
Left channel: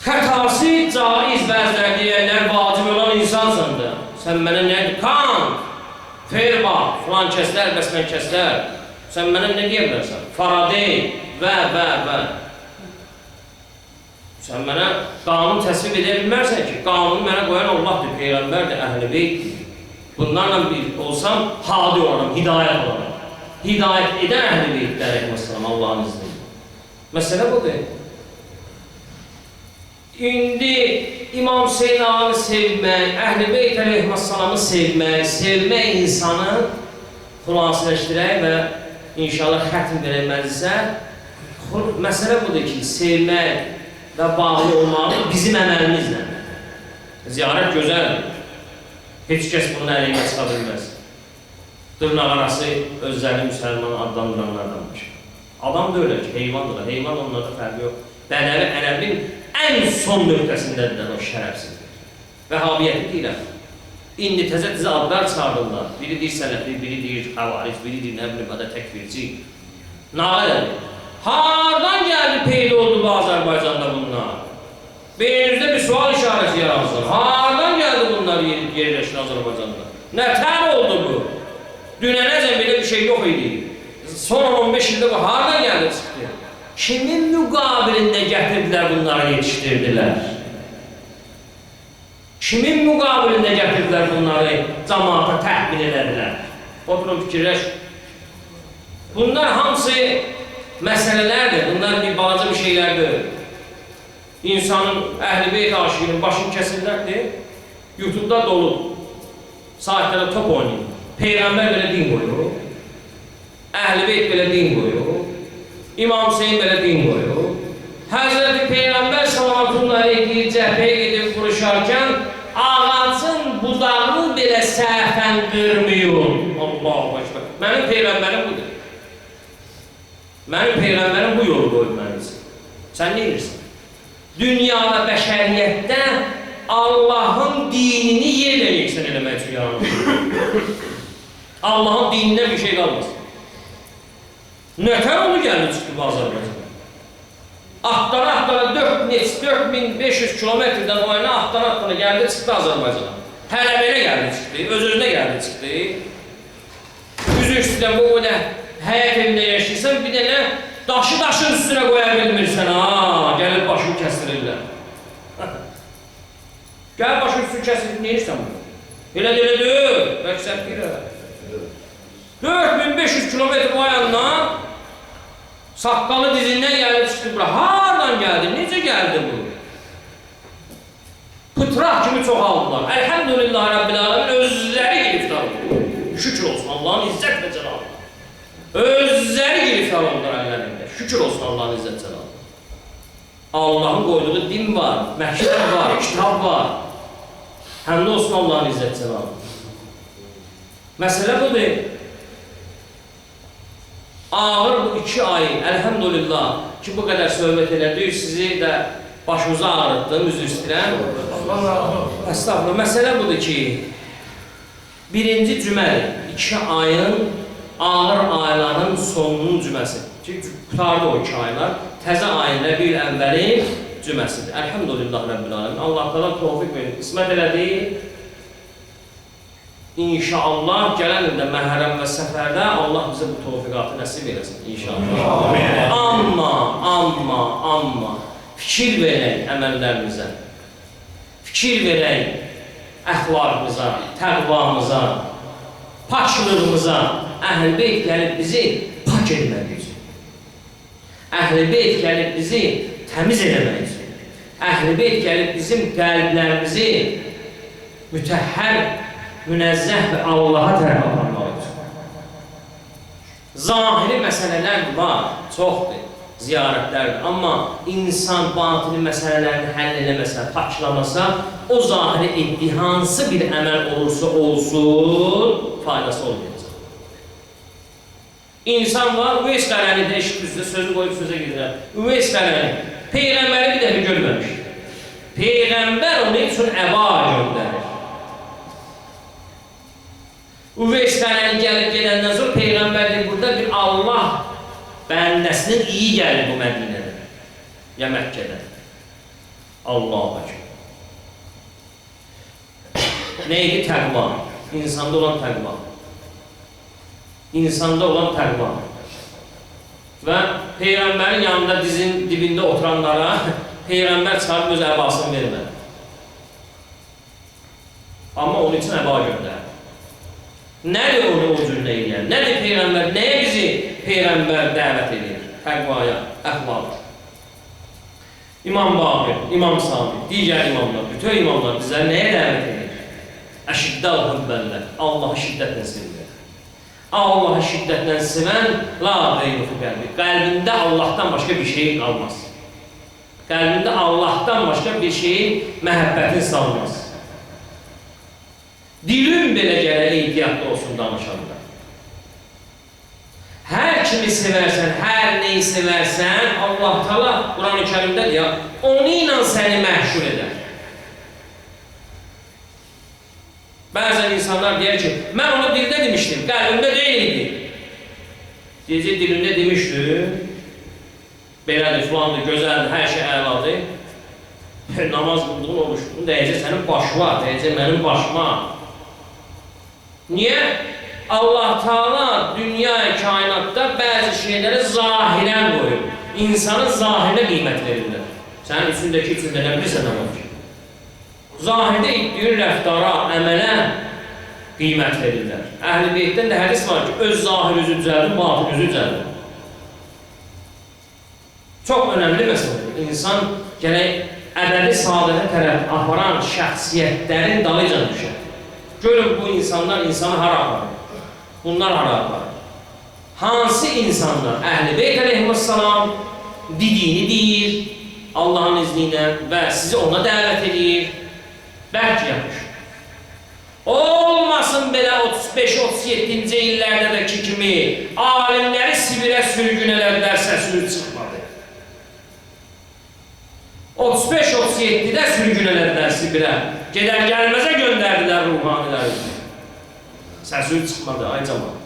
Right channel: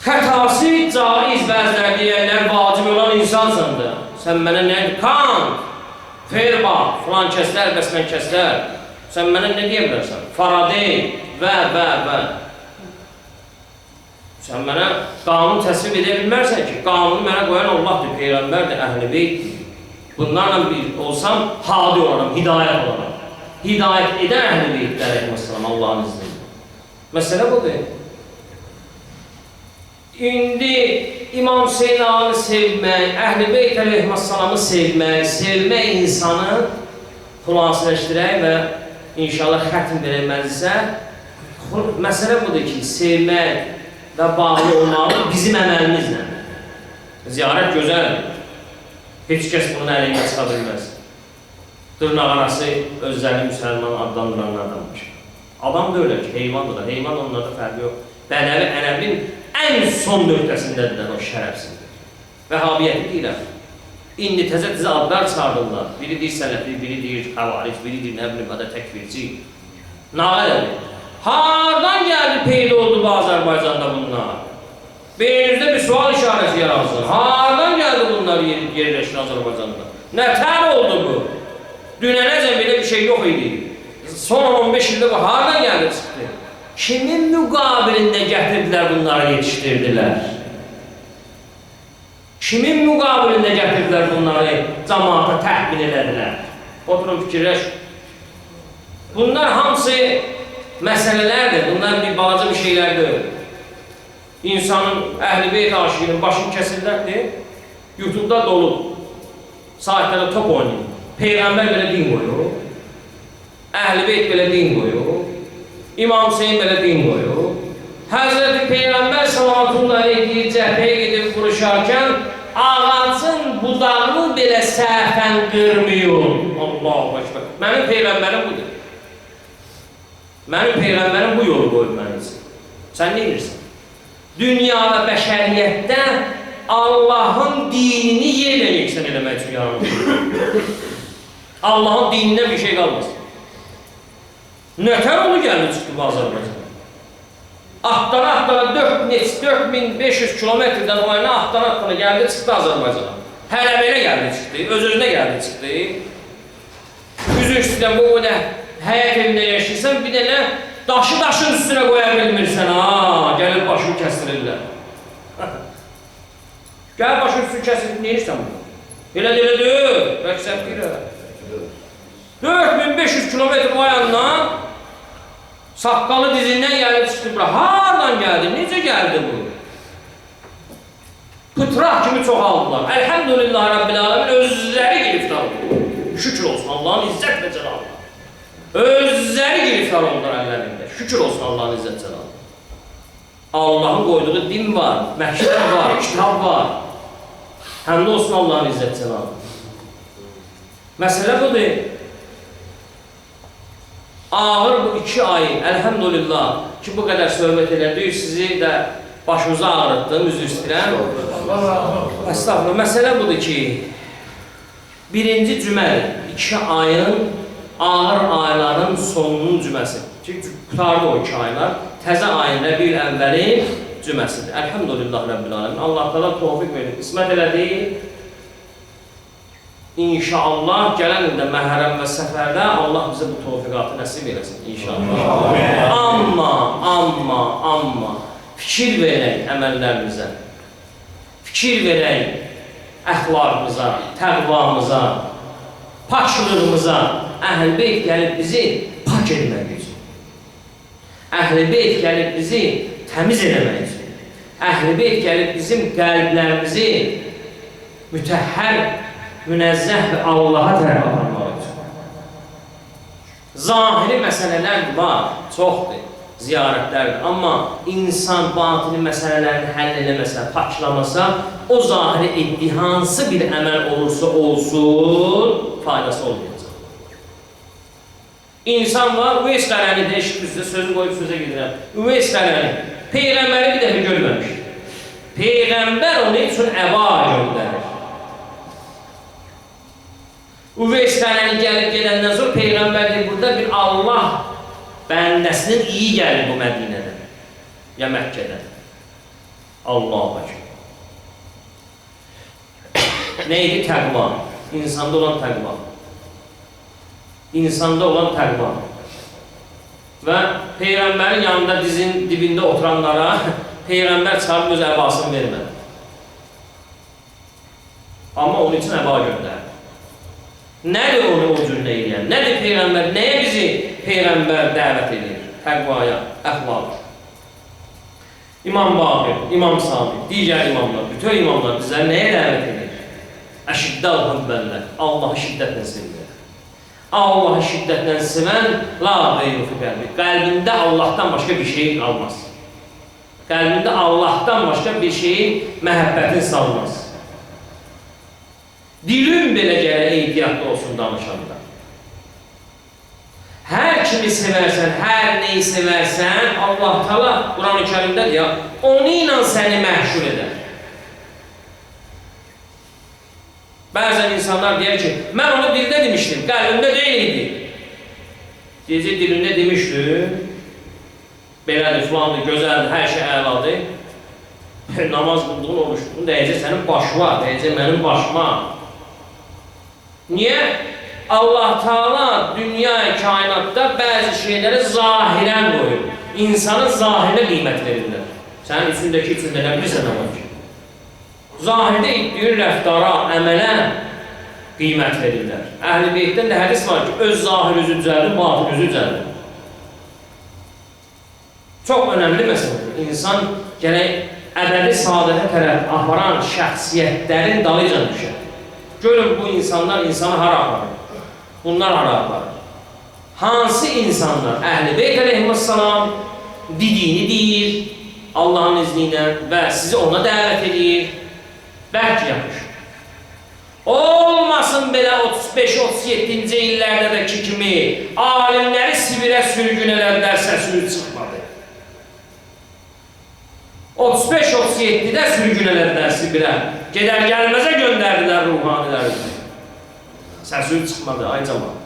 Xətası caiz bəzilər deyərlər, vacib olan insansan da. Sən mənə nə? Kant, Ferba, filan kəslər, bəsmən kəslər. Sən mənə nə deyə bilərsən? Faraday və. Sən mənə qanun təsvib edə bilmərsən ki, qanunu mənə qoyan Allahdır, Peyğəmbərdir, Əhl-i Beytdir. Bunlarla bir olsam, hadi olaram, hidayət olaram. Hidayət edən Əhl-i Beytdir, əleyhissalam, Allah'ın izniyle. Məsələ budur. İndi İmam Hüseyin ağanı sevmək, Əhl-i Beyt əleyhissalamı sevmək insanı xülasələşdirək və inşallah xətm verəməzsə, məsələ budur ki, sevmək və bağlı olmalı bizim əməlimizlə. Ziyarət gözəldir. Heç kəs bunun əleyhinə çıxa bilməz. Dırnaq arası özlərini müsəlman adlandıranlardanmış. Adam da öyle ki, heyvandır da. Heyvan onlarda fərqi yox. Bədəvi ənəbin ən son nöqtəsindədirlər o şərəfsizdir. Vəhabiyyəti deyirəm. İndi təzə adlar çıxardırlar. Biri deyir sələfi, biri deyir xəvaric, biri deyir nə bilim, bədə təkvirci. Nağələdir. Hardan gəldi, peyda oldu bu Azərbaycanda bunlar? Beyninizdə bir sual işarəsi yaransın. Hardan gəldi bunlar yerləşin Azərbaycanda? Nətər oldu bu? Dünənəcə belə bir şey yox idi. Son 15 ildə bu hardan gəldi çıxdı? Kimin müqabilində gətirdilər bunları yetişdirdilər? Kimin müqabilində gətirdilər bunları cəmaata təhmin elədilər? Oturun fikirləş. Bunlar hamısı məsələlərdir, bunlar bir balaca bir şeylərdir. İnsanın, Əhl-i Beyt aşığının başını kəsirlərdir, YouTube'da dolu, saatlərdə top oynayın. Peyğəmbər belə din qoyur, Əhl-i Beyt belə din qoyur, İmam Hüseyin belə din qoyur. Həzreti Peyğəmbər sallallahu aleyhi cəhbəyə gedib vuruşarkən ağacın budağını belə səhvən qırmıyor. Allahu Ekber. Mənim Peyğəmbərim budur. Mənim Peyğəmbərim bu yolu qoyub mənim üçün. Sən nə edirsən? Dünya və bəşəriyyətdə Allahın dinini yerlə yeksən eləmək üçün yaranır. Allah'ın dinindən bir şey qalmasın. Nötər onu gəldi çıxdı bu Azərbaycana. Atdana 4500 kilometrdən o yana atdana gəldi çıxdı Azərbaycana. Hələ belə gəldi çıxdı, öz-özünə gəldi çıxdı. Üzü üstüdən bu qədər həyat evində yaşayırsan, bir dənə daşın üstünə qoya bilmirsən, gəlir başını kəstirirlər. Gəl başın üstünü kəsir, neyirsən bunu? Elə deyil, məqsəd deyil. 4500 kilometr o yandan saqqalı dizindən gəlib çıxdı bura. Hardan gəldi, necə gəldi bu? Pıtraq kimi çox aldılar. Elhamdülillah Rabbil Alemin özləri giriftar oldu. Şükür olsun Allah'ın izzət və cəlalına. Özləri giriftar oldular əllərində. Şükür olsun Allah'ın izzət cəlalına. Allah'ın qoyduğu din var, məktəb var, kitab var. Həm də olsun Allah'ın izzət cəlalına. Məsələ budur. Ağır bu 2 ay, elhamdülillah ki bu qədər söhbət elədik, sizi də başımıza ağrıtdım, üzr istəyirəm. Estağfurullah, məsələ budur ki, birinci cümədir, 2 ayın ağır ayların sonunun cüməsi. Çünki qutardı o 2 aylar, təzə ayın Rəbiül Əvvəlin cüməsidir. Elhamdülillah Rəbbil Alemin. Allah təala tövfiq verir, qismət elədi. İnşallah gələn ildə Məhərrəm və Səfərdə Allah bizə bu tövfiqatı nəsib eləsin inşallah. Amma fikir verək əməllərimizə, fikir verək əxlaqımıza, təqvamıza, paklığımıza. Əhl-i Beyt gəlib bizi pak etmək üçün. Əhl-i Beyt gəlib bizi təmiz eləmək üçün. Əhl-i Beyt gəlib bizim qəlblərimizi mütəhhər, münəzzəh və Allaha tərəf aparmaq üçün. Zahiri məsələlər var, çoxdur, ziyarətlərdir. Amma insan batini məsələlərini həll eləməsə, paklamasa, o zahiri etdiyi hansı bir əməl olursa olsun, faydası olmayacaq. İnsan var, Üveys Qarani'də eşitmişsə, sözü qoyub sözə gedirəm. Üveys Qarani, Peyğəmbəri bir dəfə görməmişdir. Peyğəmbər onun üçün əba göndərir. Üveys Qarani gəlib gedəndən sonra Peyğəmbər deyir, burada bir Allah bəndəsinin iyi gəlir bu Mədinədə, ya Məkkədə. Allahu Ekber. Neydi? Təqva. İnsanda olan təqva. İnsanda olan təqva. Və Peyğəmbərin yanında dizin dibində oturanlara Peyğəmbər çıxarıb öz əbasını vermədi. Amma onun üçün əba göndərdi. Nədir onu o cürlə edən? Nədir Peyğəmbər? Nəyə bizi Peyğəmbər dəvət edir? Təqvaya, əxlaqa. İmam Baqir, İmam Sadiq, digər imamlar, bütün imamlar bizləri nəyə dəvət edir? Əşiddəl hübbəllər, Allahı şiddətlə sevirlər. Allahı şiddətlə sevən, la qeyru fi qəlbi. Qəlbində Allahdan başqa bir şey qalmaz. Qəlbində Allahdan başqa bir şeyin məhəbbətin salmaz. Dilin belə gərək ehtiyatlı olsun danışanda. Hər kimi sevərsən, hər neyi sevərsən, Allah Teala Quran-ı Kərimdə deyir, onu ilə səni məhşur edər. Bəzən insanlar deyir ki, mən onu dildə demişdim, qəlbimdə deyildi. Deyəcək, dilində demişdim, belədir, filandır, gözəldir, hər şey əladır. Namaz qıldığın, oruç qıldığın, deyəcək, sənin başıma, deyəcək, mənim başıma. Niyə? Allah Teala dünya kainatda bəzi şeyləri zahirən qoyur. İnsanın zahirinə qiymət verirlər. Sənin üçündəki üçündə nə bilirsən nə var ki? Zahirdə etdiyin rəftara, əmələ qiymət verirlər. Əhl-i Beytdən də hədis var ki, öz zahir üzü düzəldir, batın üzü düzəldir. Çox önəmli məsələdir. İnsan gərək əbədi saadətə tərəf aparan şəxsiyyətlərin dalıca düşər. Görün bu insanlar insanı hara aparır? Bunlar hara aparır? Hansı insanlar Əhl-i Beyt əleyhissalam dediyini deyir Allah'ın izniyle və sizi ona dəvət edir? Bəlkə yapışır. Olmasın belə 35-37-ci illərdəki kimi alimləri Sibirə sürgün elədilər, səsini çıxmadı. 35-37-də sürgün elədilər Sibirə. Gedər gəlməzə göndərdilər ruhaniləri. Səsi çıxmadı, ay cəmal.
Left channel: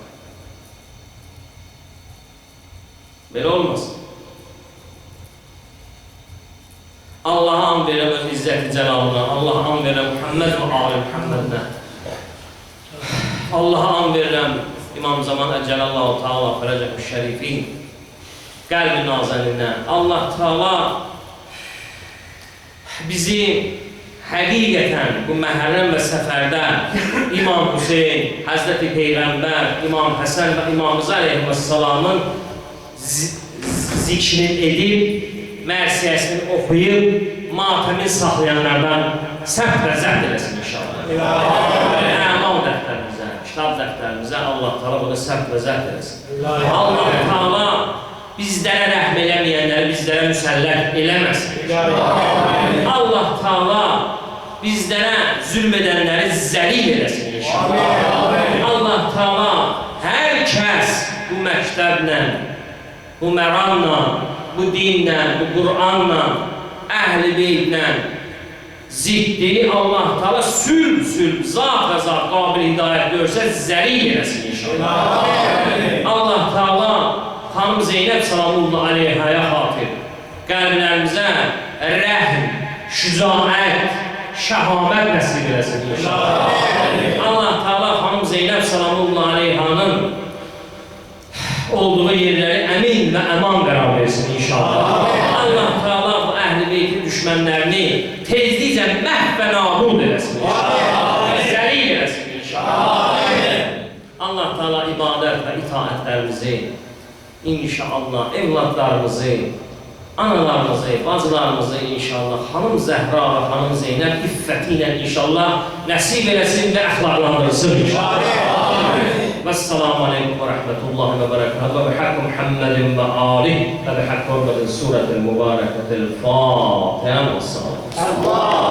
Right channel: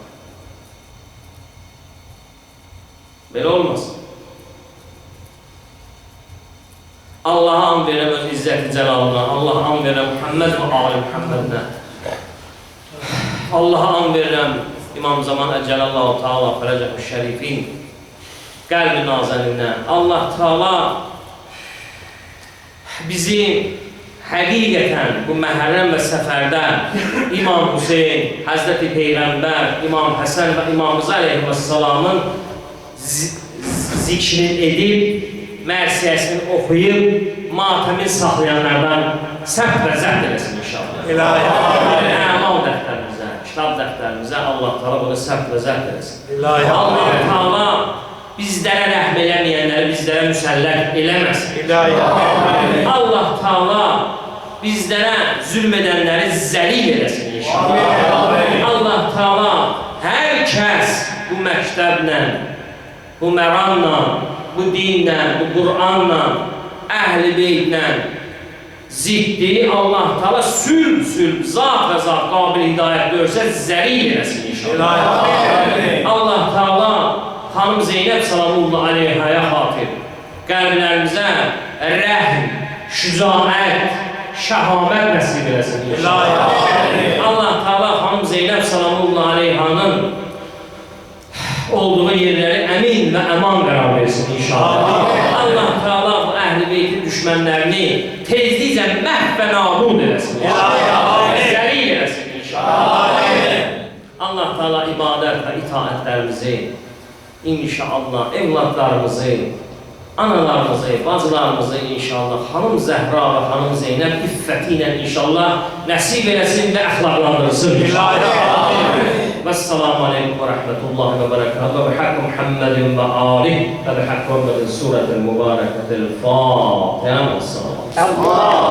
Belə olmasın. Allah'a an verəm öz izzəti cəlalına, Allah'a an verəm Muhammed və Ali Muhammedinə. Allah'a an verəm İmam Zaman Əcəlallahu Teala Fərəcəh-ü Şərifin qəlb-i nazəlindən. Allah Teala bizi həqiqətən bu məhərrəm və səfərdə İmam Hüseyin, Həzrəti Peyğəmbər, İmam Həsən və İmamımız Əleyhisselamın zikrini edib, mərsiyəsini oxuyub, matəmin saxlayanlardan səhv və zəhd eləsin inşallah. Əmal dəftərimizə, kitab dəftərimizə Allah Teala bunu səhv və zəhd eləsin. Allah Teala bizlərə rəhm eləməyənləri bizlərə müsəllət eləməsin. Allah Teala bizlərə zülm edənləri zəlil eləsin inşallah. Allah Teala hər kəs bu məktəblə, bu məramla, bu dinlə, bu Qur'anla, əhl-i beydlə ziddi Allah Teala sülb, zat və zat qabil hidayət görsə zəlil eləsin inşallah. Allah Teala Xanım Zeynəb Salamullah Aleyhaya xatir qəlblərimizə rəhm, şücaət, şəhamət nəsib eləsin inşallah. Allah Teala Xanım Zeynəb Salamullah Aleyhanın olduğu yerləri əmin və əman qərar versin inşallah. Allah Teala bu əhl-i beytin düşmənlərini tezliklə məhv və nabud eləsin inşallah. Zəlil eləsin inşallah. Allah Teala ibadət və itaətlərimizi inşallah evladlarımızı, analarımızı, bacılarımızı inşallah Xanım Zəhra və Xanım Zeynəb iffəti ilə inşallah nəsib eləsin və əxlaqlandırsın inşallah. Vəssalamu aleykum və rəhmətullahi və bərəkatuhu və bihəqqi Muhammedin və alih və bihəqqi Muhammedin surətil mübarəkətil Fatihə və salam.